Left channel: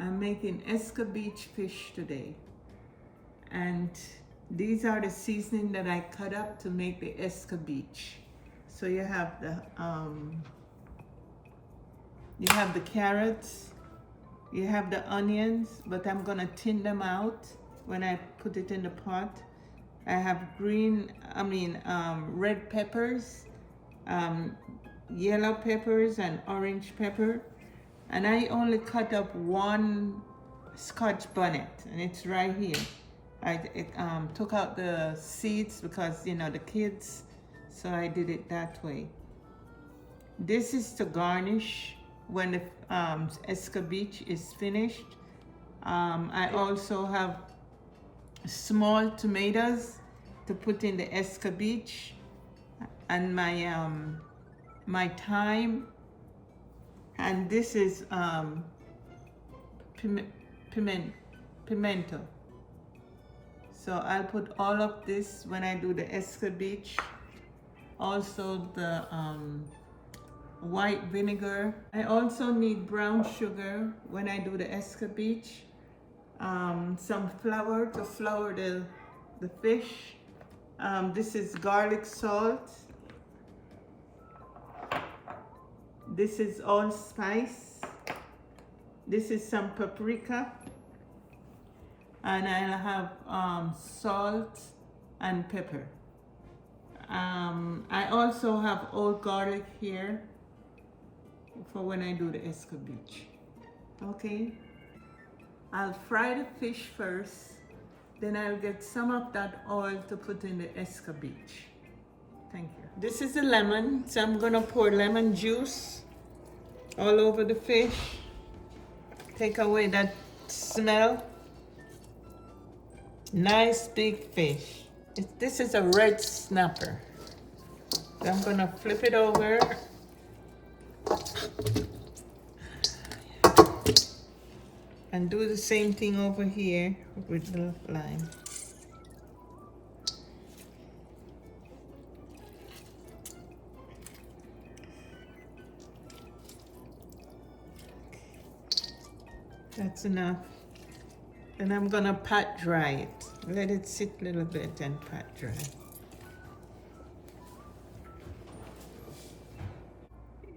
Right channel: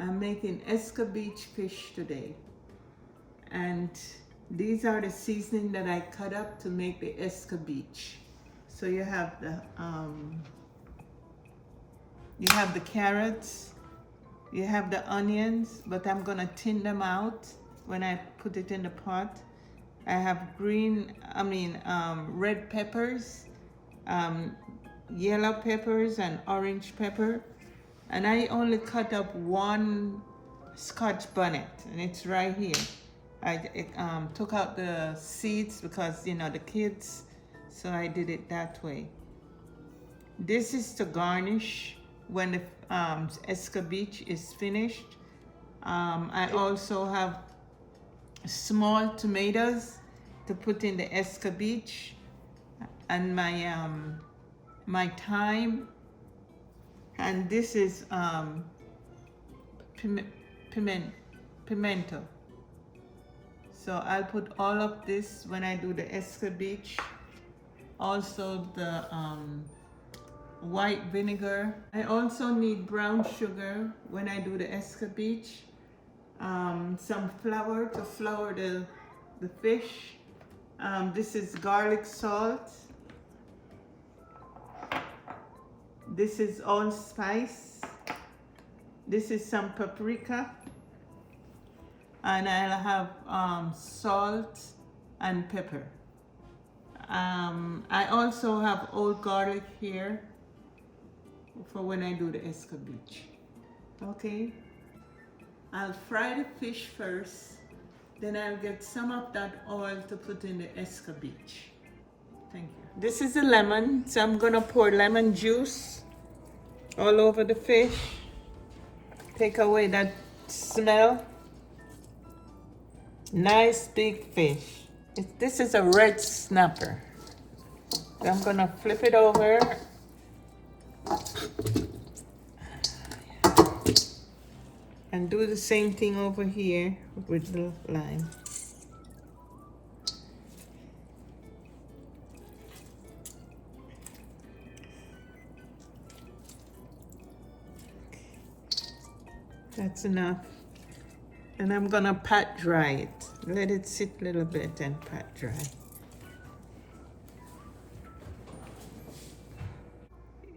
I'm making escovitch fish today, and these are the seasoning that I cut up to make the escovitch. So you have the carrots, you have the onions, but I'm gonna thin them out when I put it in the pot. I have red peppers, yellow peppers, and orange pepper. And I only cut up one Scotch bonnet, and it's right here. I took out the seeds because, you know, the kids, so I did it that way. This is to garnish when the escovitch is finished. I also have small tomatoes to put in the escovitch, and my thyme, and this is pimento. So I'll put all of this when I do the escovitch. Also the white vinegar. I also need brown sugar when I do the escovitch. Some flour to flour the fish. This is garlic salt. This is allspice. This is some paprika. And I'll have salt and pepper. I also have old garlic here for when I do the escovitch. Okay, I'll fry the fish first, then I'll get some of that oil to put in the escovitch. Thank you. This is the lemon, so I'm gonna pour lemon juice all over the fish. Take away that smell. Nice big fish. This is a red snapper. So I'm gonna flip it over. And do the same thing over here with the lime. That's enough. And I'm gonna pat dry it. Let it sit a little bit and pat dry.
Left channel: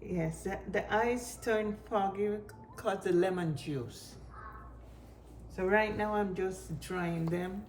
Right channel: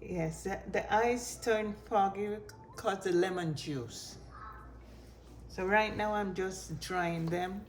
Yes, the eyes turn foggy because the lemon juice. So right now I'm just drying them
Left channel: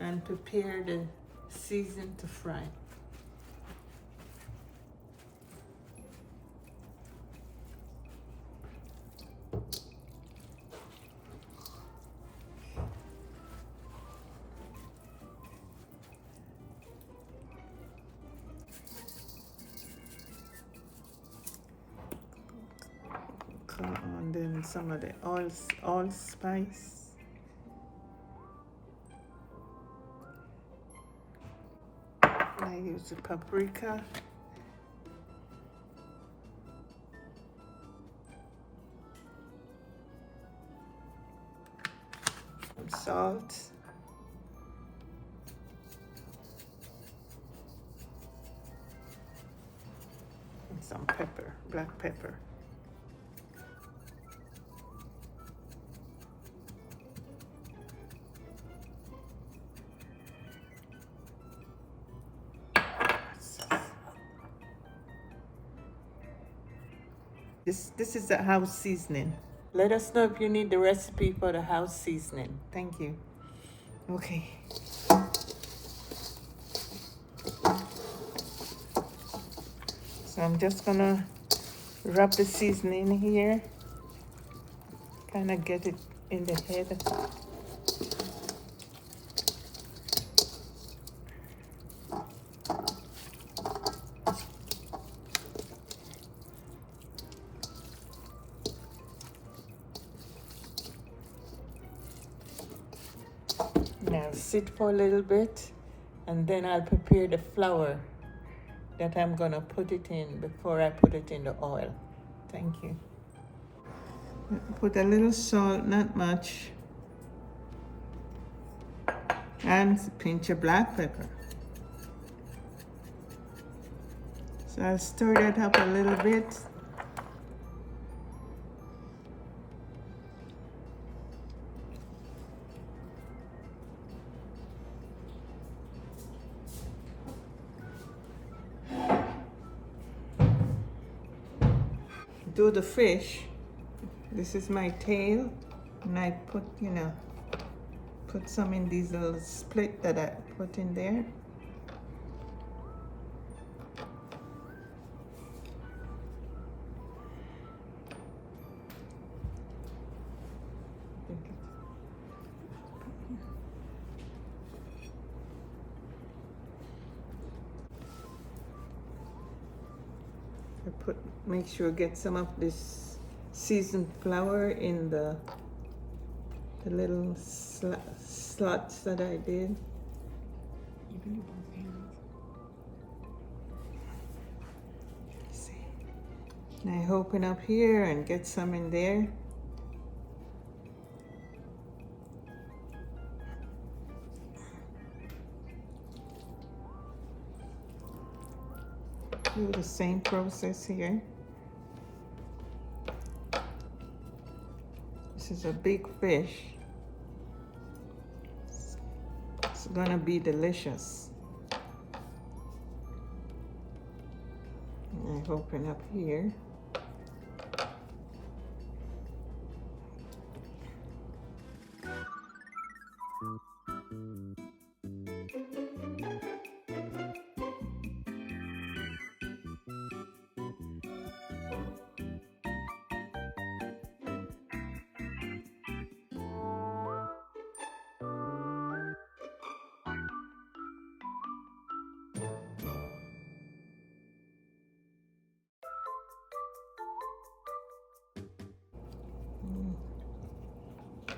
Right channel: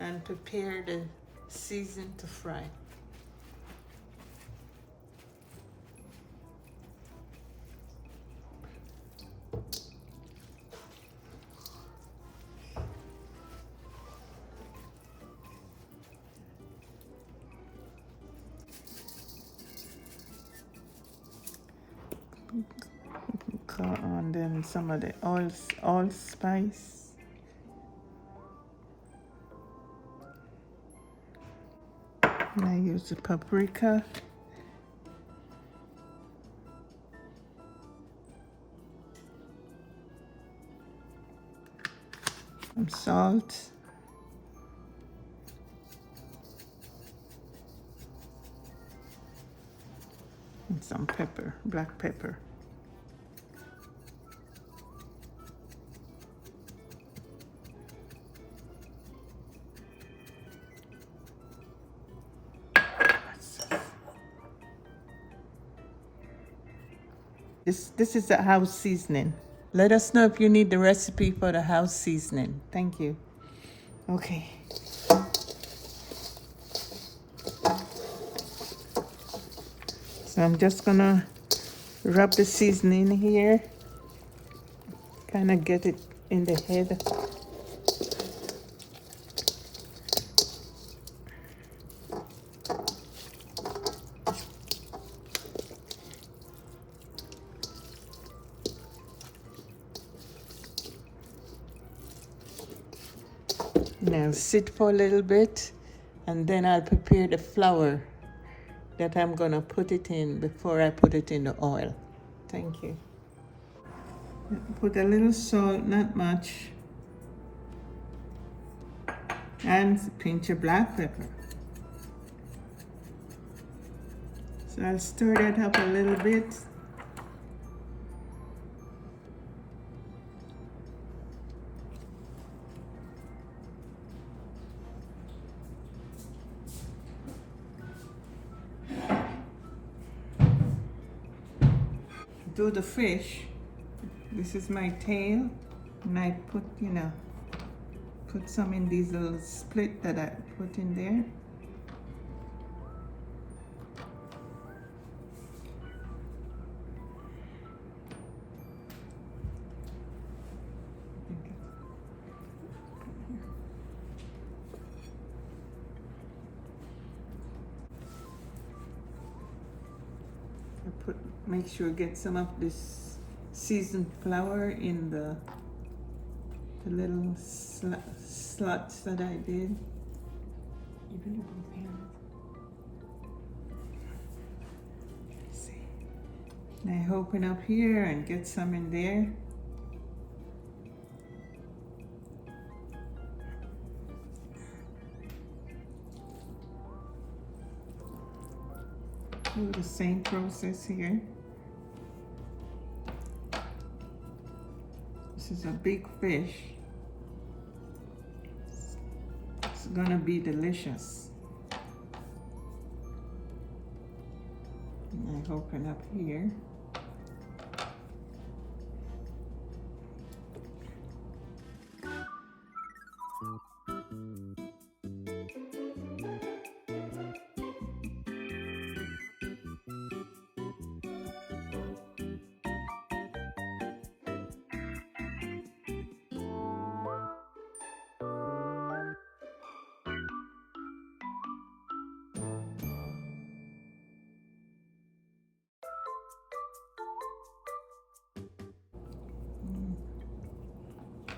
and prepare the season to fry. Put on them some of the allspice. I use the paprika. Some salt. And some pepper, black pepper. This is the house seasoning. Let us know if you need the recipe for the house seasoning. Thank you. Okay. So I'm just gonna rub the seasoning here. Kind of get it in the head. Now sit for a little bit, and then I'll prepare the flour that I'm gonna put it in before I put it in the oil. Thank you. Put a little salt, not much, and a pinch of black pepper. So I'll stir that up a little bit. do the fish, this is my tail, and I put, put some in these little split that I put in there. Make sure get some of this seasoned flour in the little slots that I did. And I open up here and get some in there. Do the same process here. This is a big fish. It's gonna be delicious. And I open up here.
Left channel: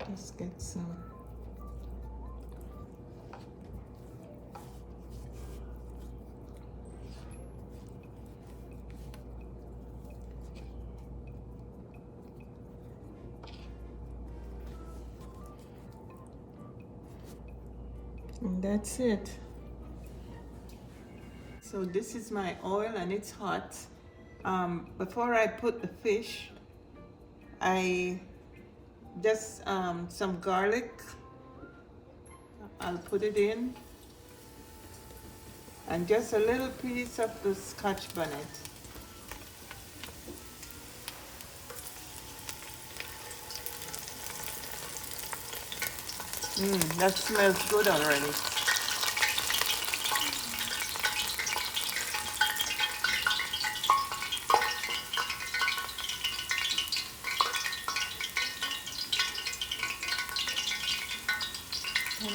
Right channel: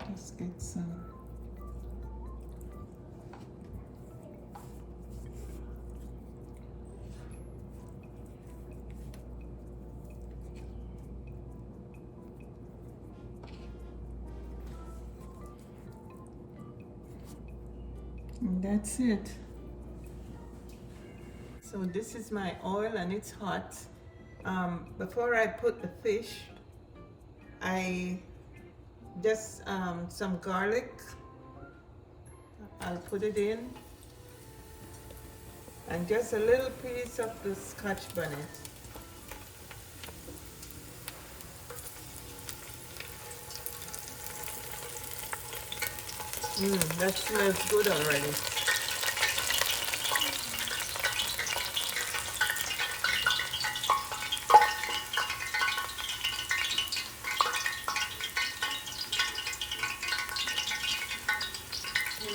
Let's get some. And that's it. So this is my oil and it's hot. Before I put the fish, I just some garlic. I'll put it in, and just a little piece of the Scotch bonnet. That smells good already.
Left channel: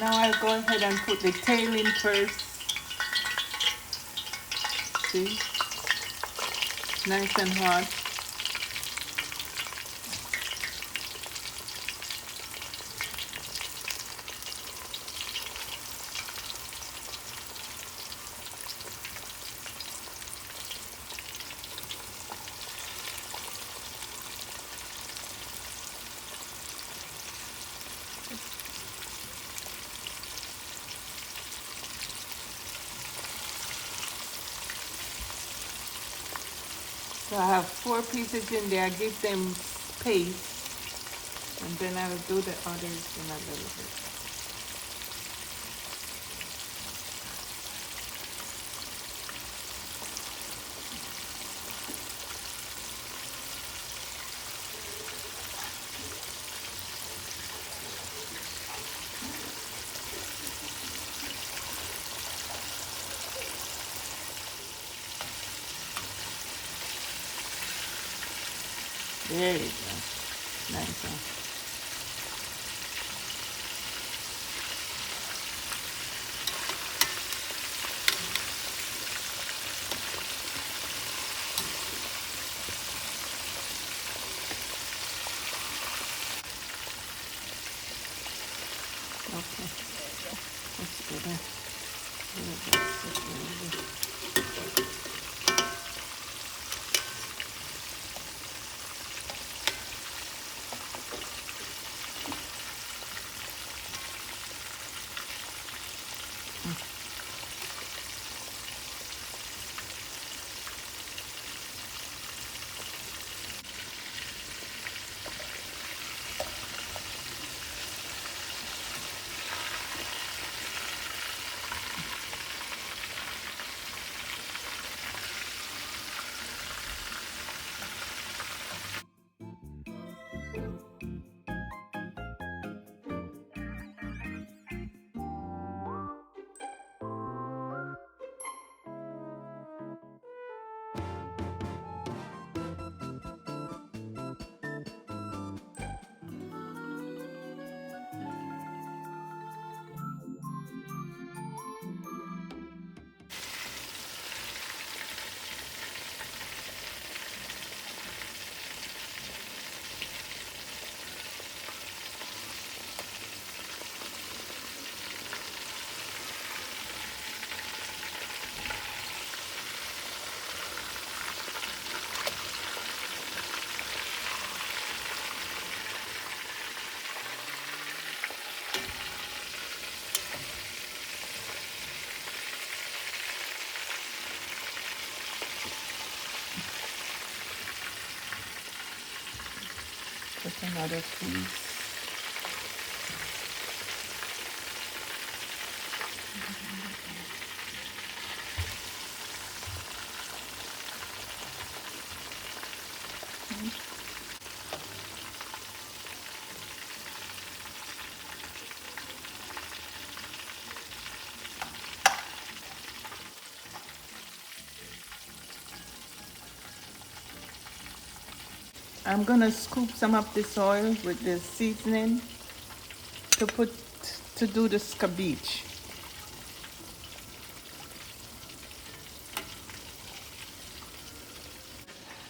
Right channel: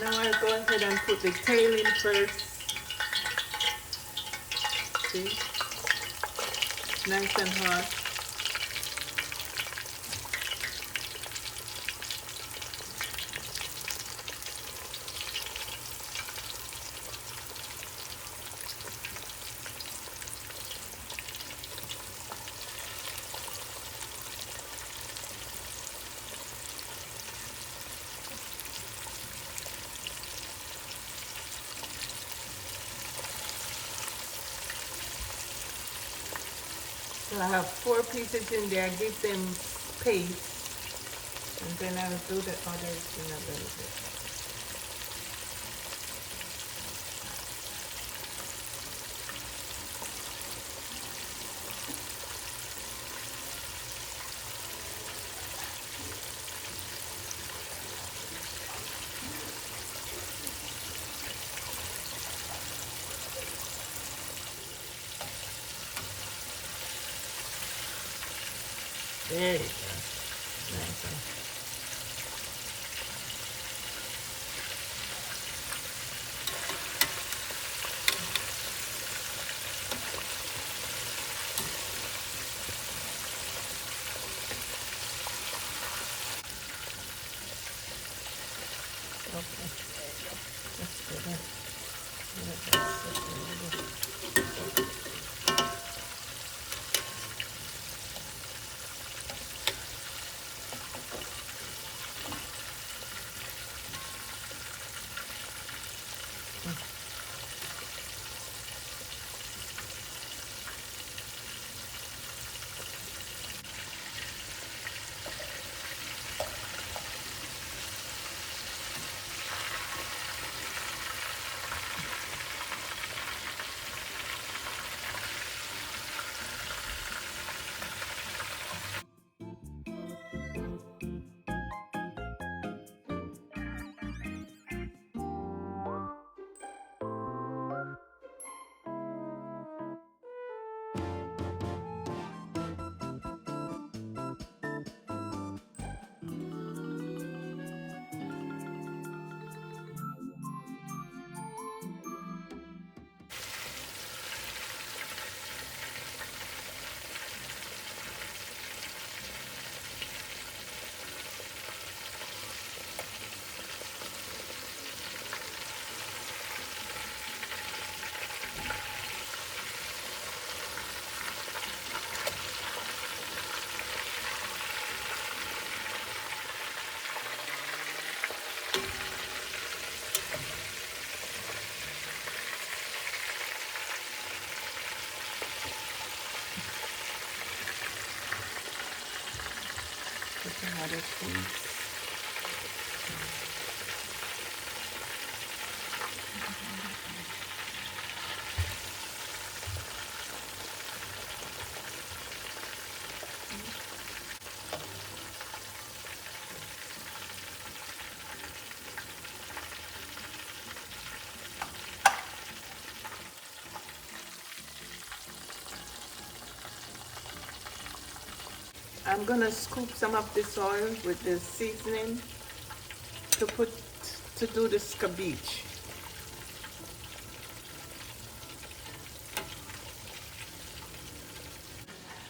Now I'll go ahead and put the tail in first. See? Nice and hot. So I have 4 pieces in there. I give them paste, and then I will do the others in a little bit. There you go. Nice one. Okay. That's good. Another piece. I'm gonna scoop some of this oil with the seasoning to do the escovitch.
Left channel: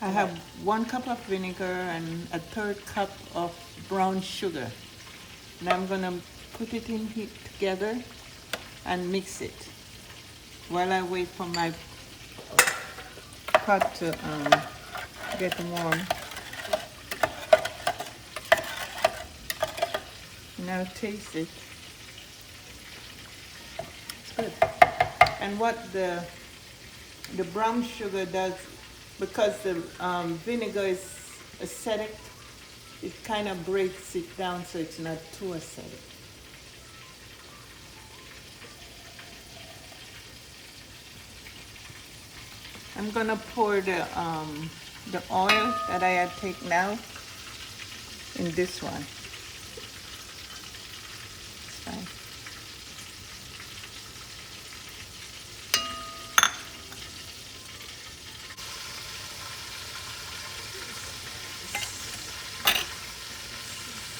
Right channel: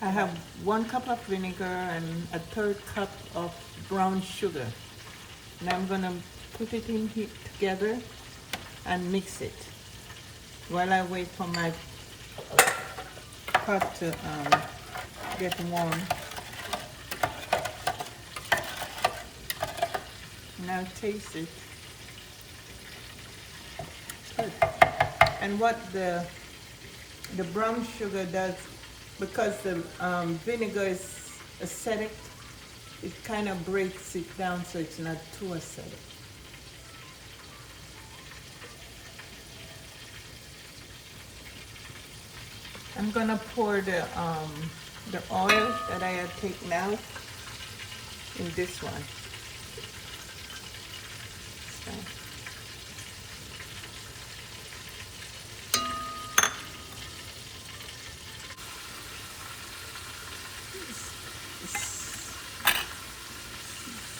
I have 1 cup of vinegar and a 1/3 cup of brown sugar. And I'm gonna put it in heat together and mix it while I wait for my pot to get warm. Now taste it. Good. And what the brown sugar does, because the vinegar is acidic, it kind of breaks it down so it's not too acidic. I'm gonna pour the oil that I had taken out in this one.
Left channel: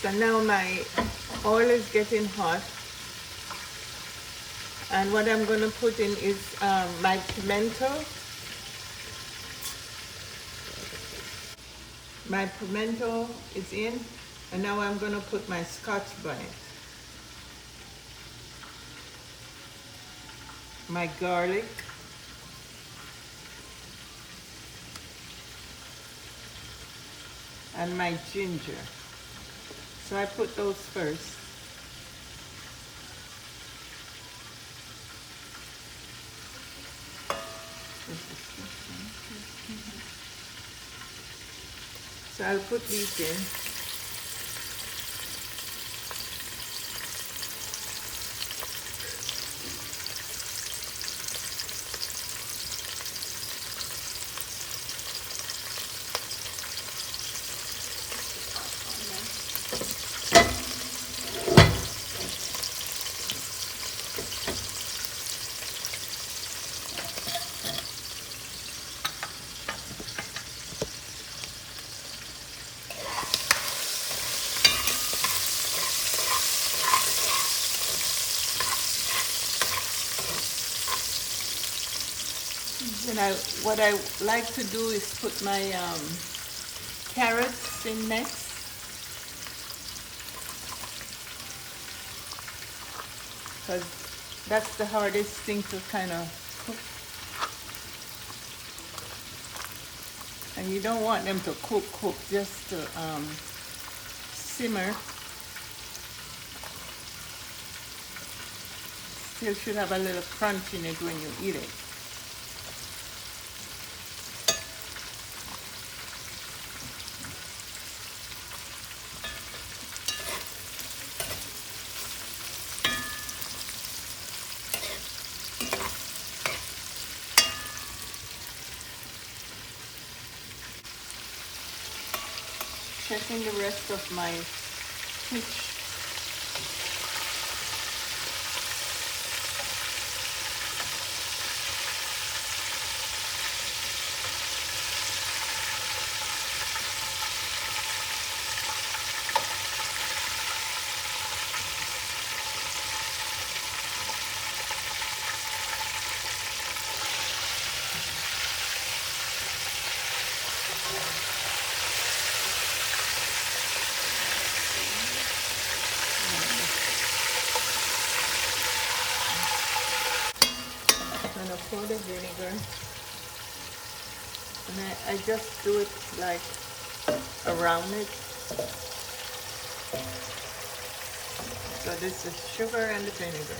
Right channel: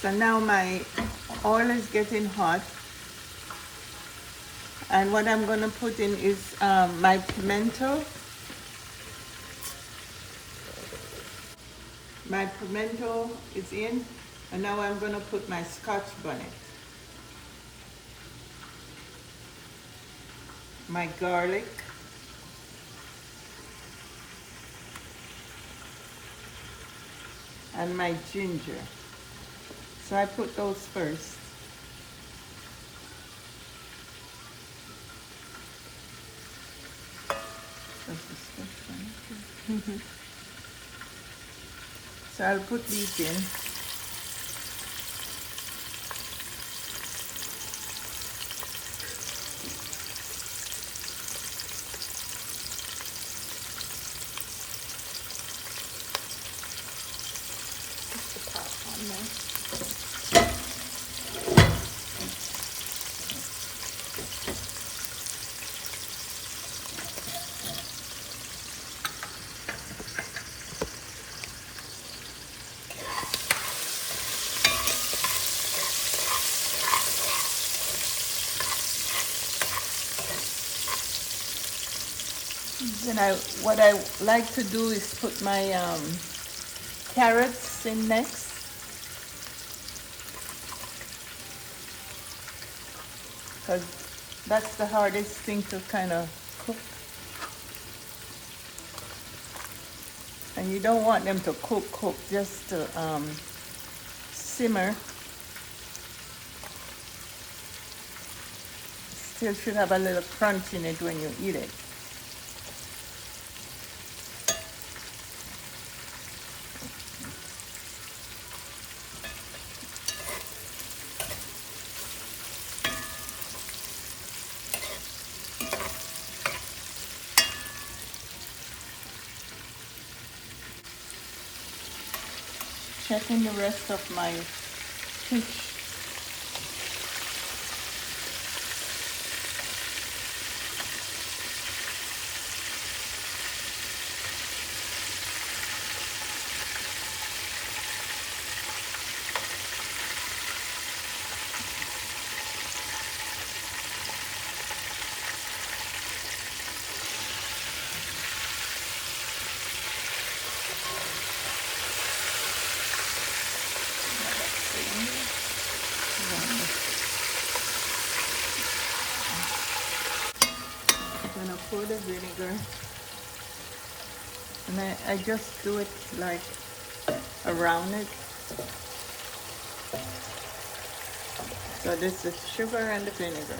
So now my oil is getting hot, and what I'm going to put in is my pimento. My pimento is in, and now I'm going to put my Scotch bonnet, my garlic, and my ginger. So I put those first. So I'll put these in. And what I like to do is put my carrots in next. Because that's the hardest thing to kind of cook. And you don't want them to cook, just to simmer. Still should have a little crunch in it when you eat it. Checking the rest of my fish. Pour the vinegar, and I just do it like around it. So this is sugar and the vinegar.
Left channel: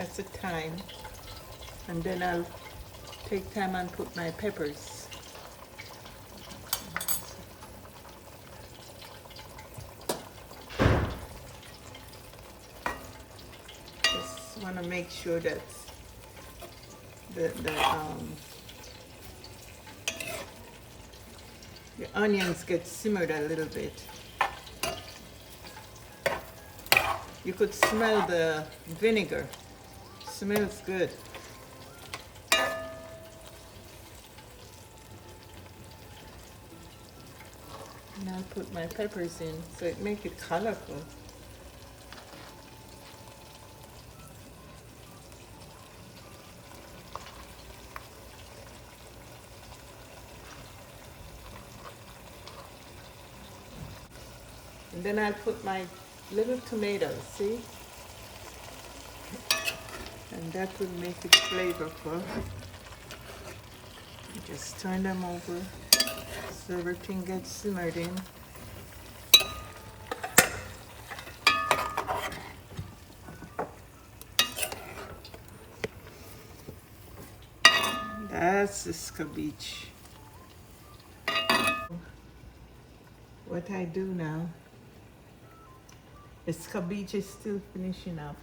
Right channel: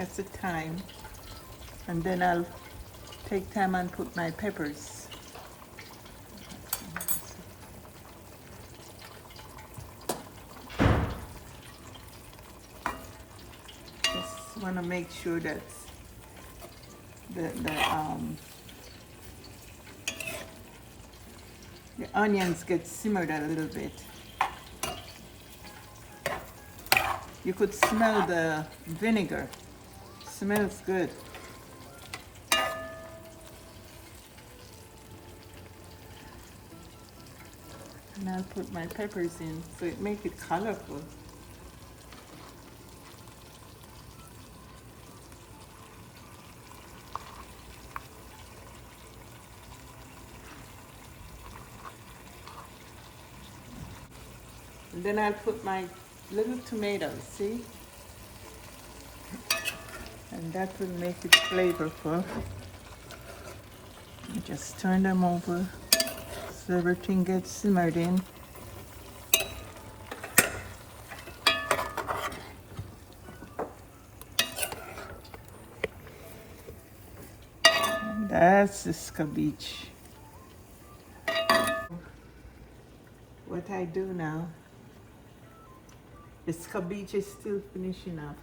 That's the thyme. And then I'll take time and put my peppers. Just want to make sure that the onions get simmered a little bit. You could smell the vinegar. Smells good. And I'll put my peppers in so it makes it colorful. And then I'll put my little tomatoes, see? And that will make it flavorful. Just turn them over so everything gets simmered in. And that's the escovitch. What I do now, the escovitch is still finishing up.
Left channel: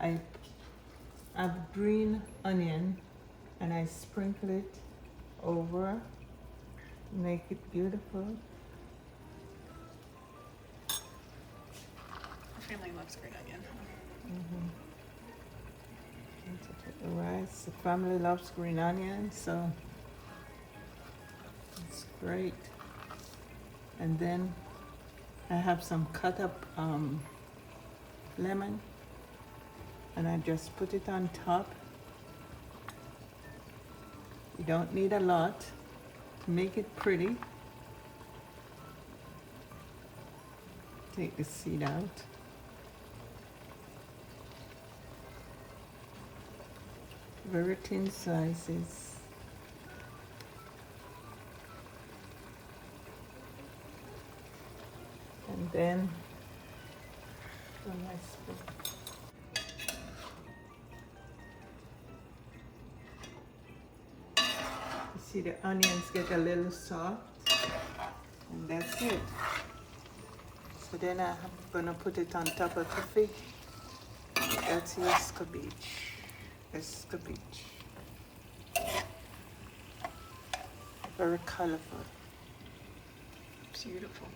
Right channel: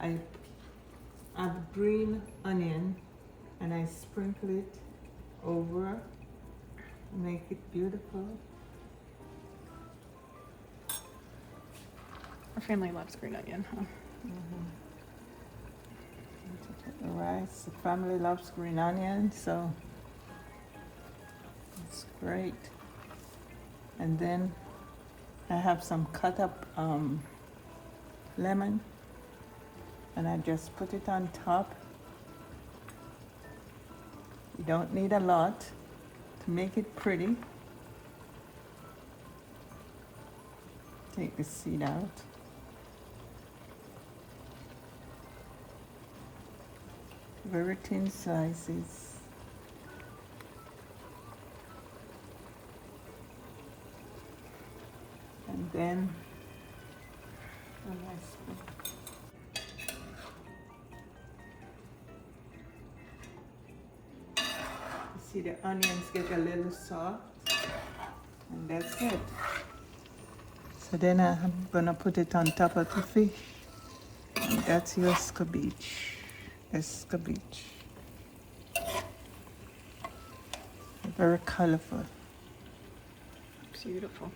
I have green onion and I sprinkle it over, make it beautiful. Our family loves green onion. Huh? The rice, the family loves green onion, so it's great. And then I have some cut up lemon, and I just put it on top. You don't need a lot to make it pretty. Take the seed out. Very thin slices. And then you see the onions get a little soft, and that's it. So then I'm gonna put it on top of the fish. That's your escovitch. Escovitch. Very colorful. Beautiful.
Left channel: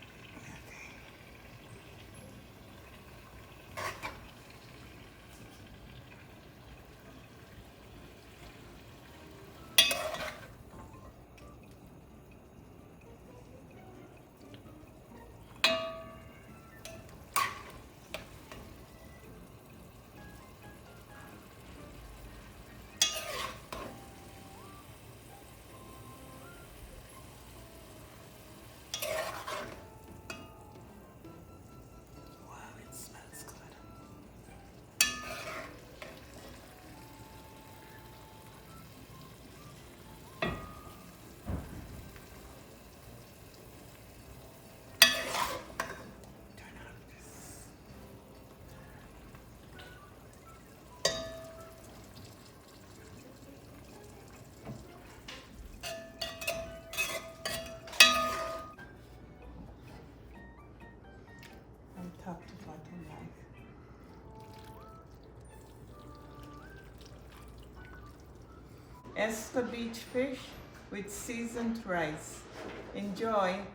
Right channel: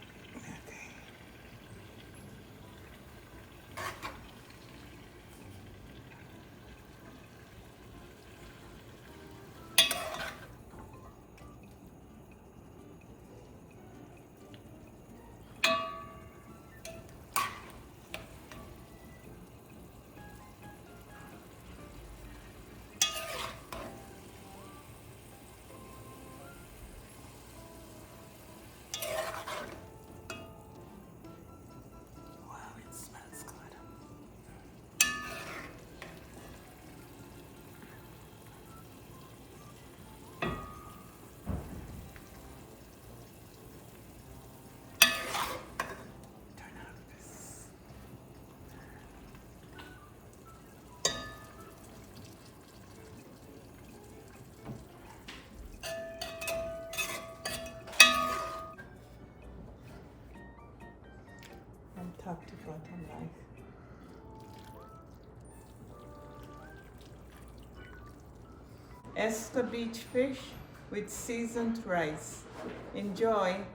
Top to bottom. Escovitch fish with seasoned rice. Enjoy.